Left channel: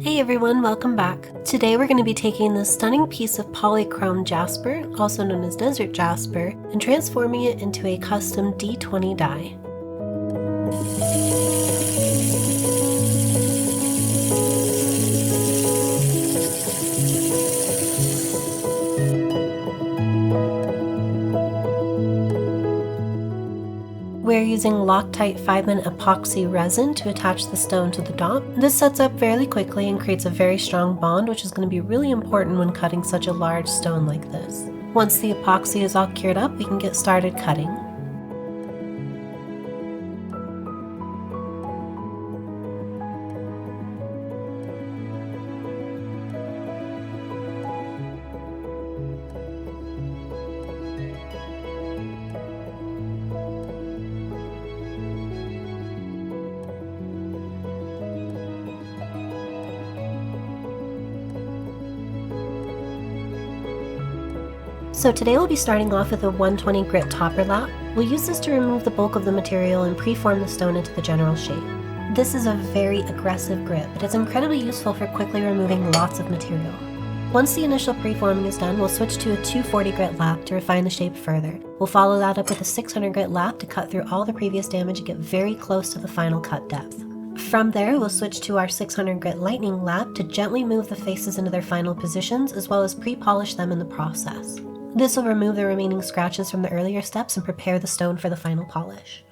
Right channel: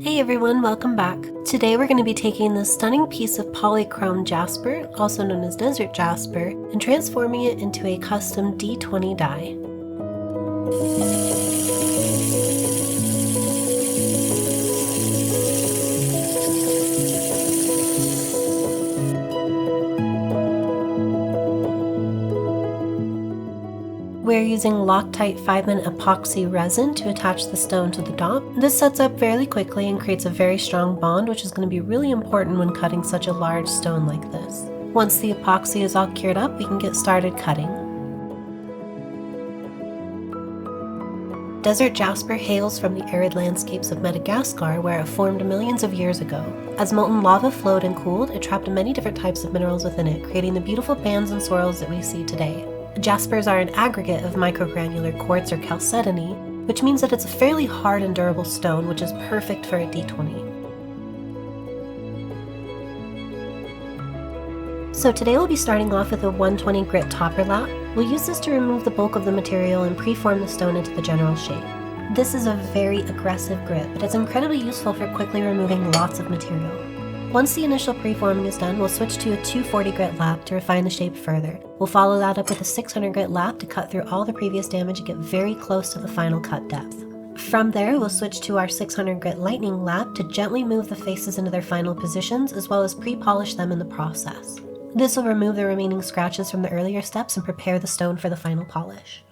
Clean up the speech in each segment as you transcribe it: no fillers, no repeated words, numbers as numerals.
Hey everyone, welcome back. Today we're going to be taking this stunning piece of Polychrome Jasper, also known as Desert Jasper, and transforming it into a custom D20 die. We're using Loctite 5-minute epoxy resin to attach the stone to the dot. This sets up fairly quickly and creates a very strong bond, which is going to be really important when cutting such a large stone like this. Once the epoxy is all cured up, we can get started cutting. Desert Jasper hails from the arid landscapes of Madagascar, where it formed millions of years ago. As molten lava flowed and cooled, it trapped many different types of minerals within it, creating the beautiful bands and swirls that we see today. Jaspers are an aggregate of microgranular quartz or chalcedony, which means that it's a fairly hard and durable stone, which is perfect for a D20. So today we'll be starting off with a 120 grit topper lap. We'll use this to remove the bulk of the material and preform the stone into the general shape. This is a very aggressive grip, but it's incredibly useful for quickly removing lots of material. Once the initial preforming is done, we'll switch to a 240 grit lap to refine the shape further. We'll follow that up with a 600 grit lap to cut through all the previous damage and get very close to the final cut depth. From there, we'll switch to our 600 grit lightning lap to gently move the faces into their final positions, as well as pre-polish them in the process. This will remove the remaining scratches from the earlier steps and prepare the stone for the final polish.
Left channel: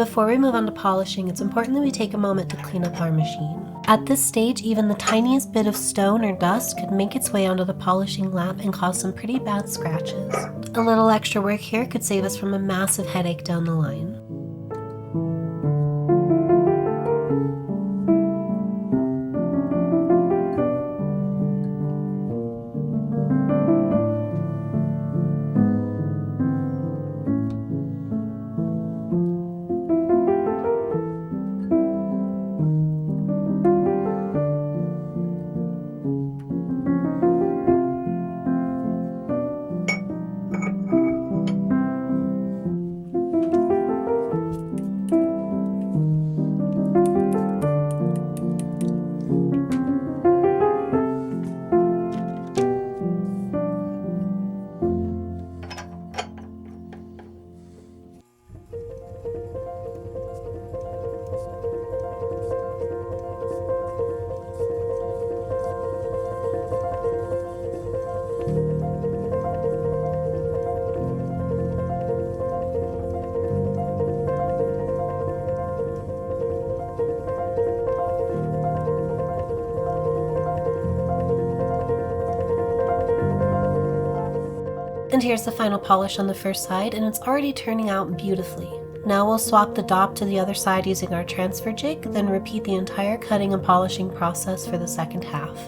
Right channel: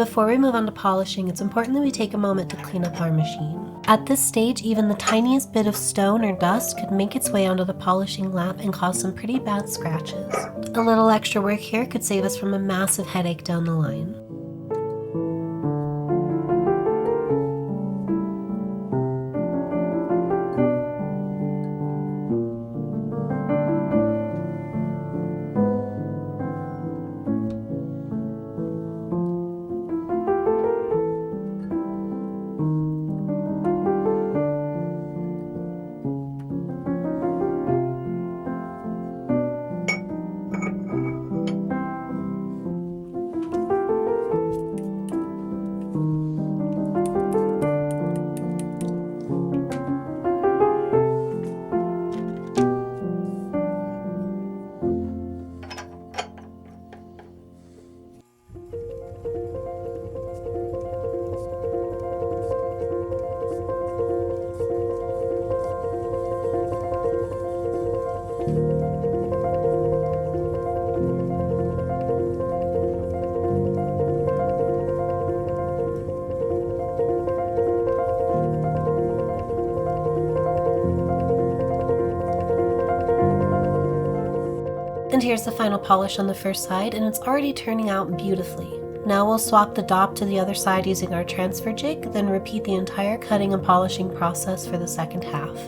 Before we move on to polishing, it's important that we take a moment to clean up our machine. At this stage, even the tiniest bit of stone or dust could make its way onto the polishing lap and cause some pretty bad scratches. A little extra work here could save us from a massive headache down the line. And here's the final polish on the first side, and it's already turning out beautifully. Now we'll swap the dop to the other side using our transfer jig, then repeat the entire cutting and polishing process for the second half.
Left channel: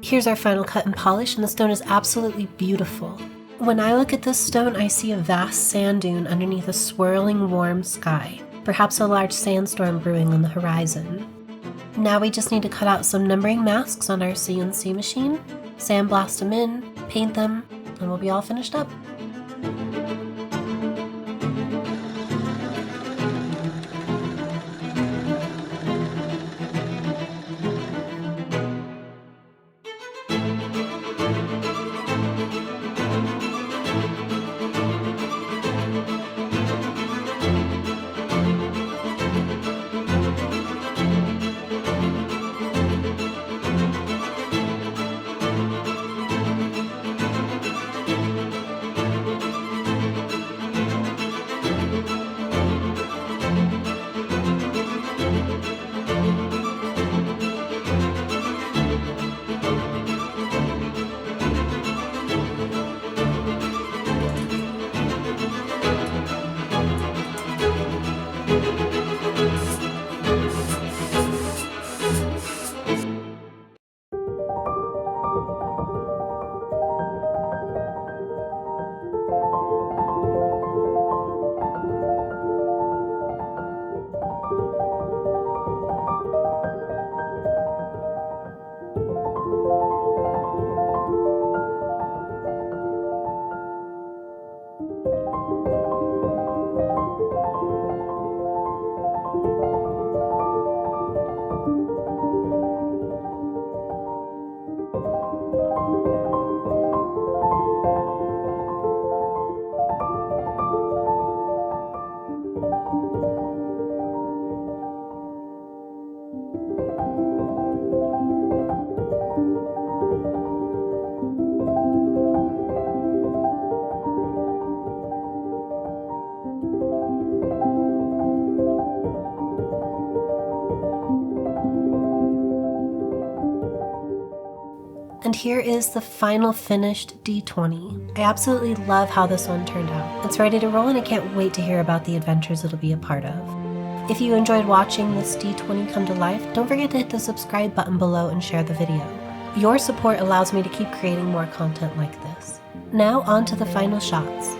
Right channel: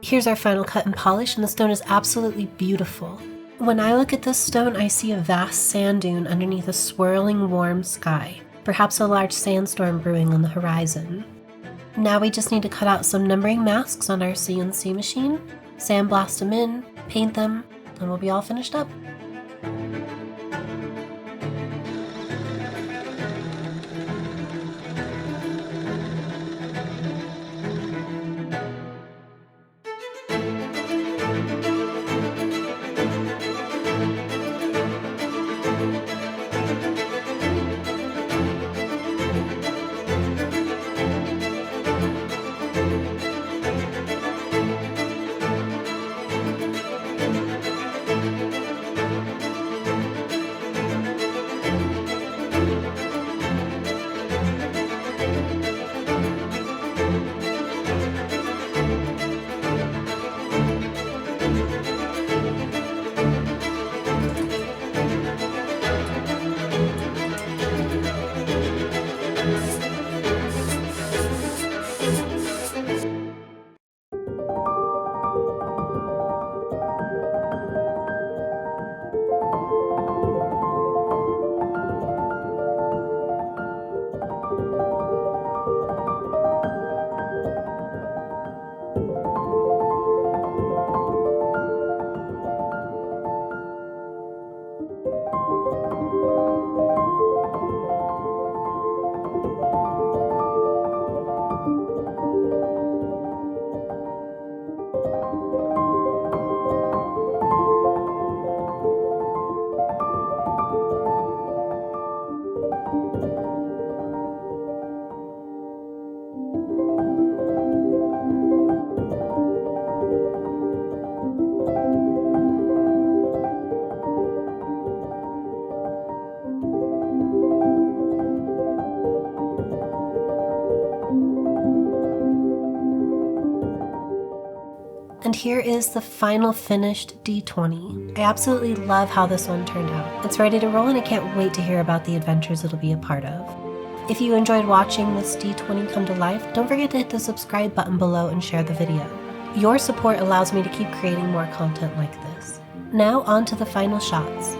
Here's our final cut and polish, and the stone is absolutely beautiful. When I look at this stone, I see a vast sand dune underneath a swirling warm sky, perhaps a large sandstorm brewing on the horizon. Now we just need to cut out some numbering masks on our CNC machine, sandblast them in, paint them, and we'll be all finished up. And here is the final finished D20. I absolutely love how this one turned out. It's ready to roll and I can't wait to hear about the adventures it'll be a part of. If you enjoyed watching this D20 come to life, don't forget to hit the subscribe button below and share the video. Your support allows me to keep creating more content like this. Now on to the final shots.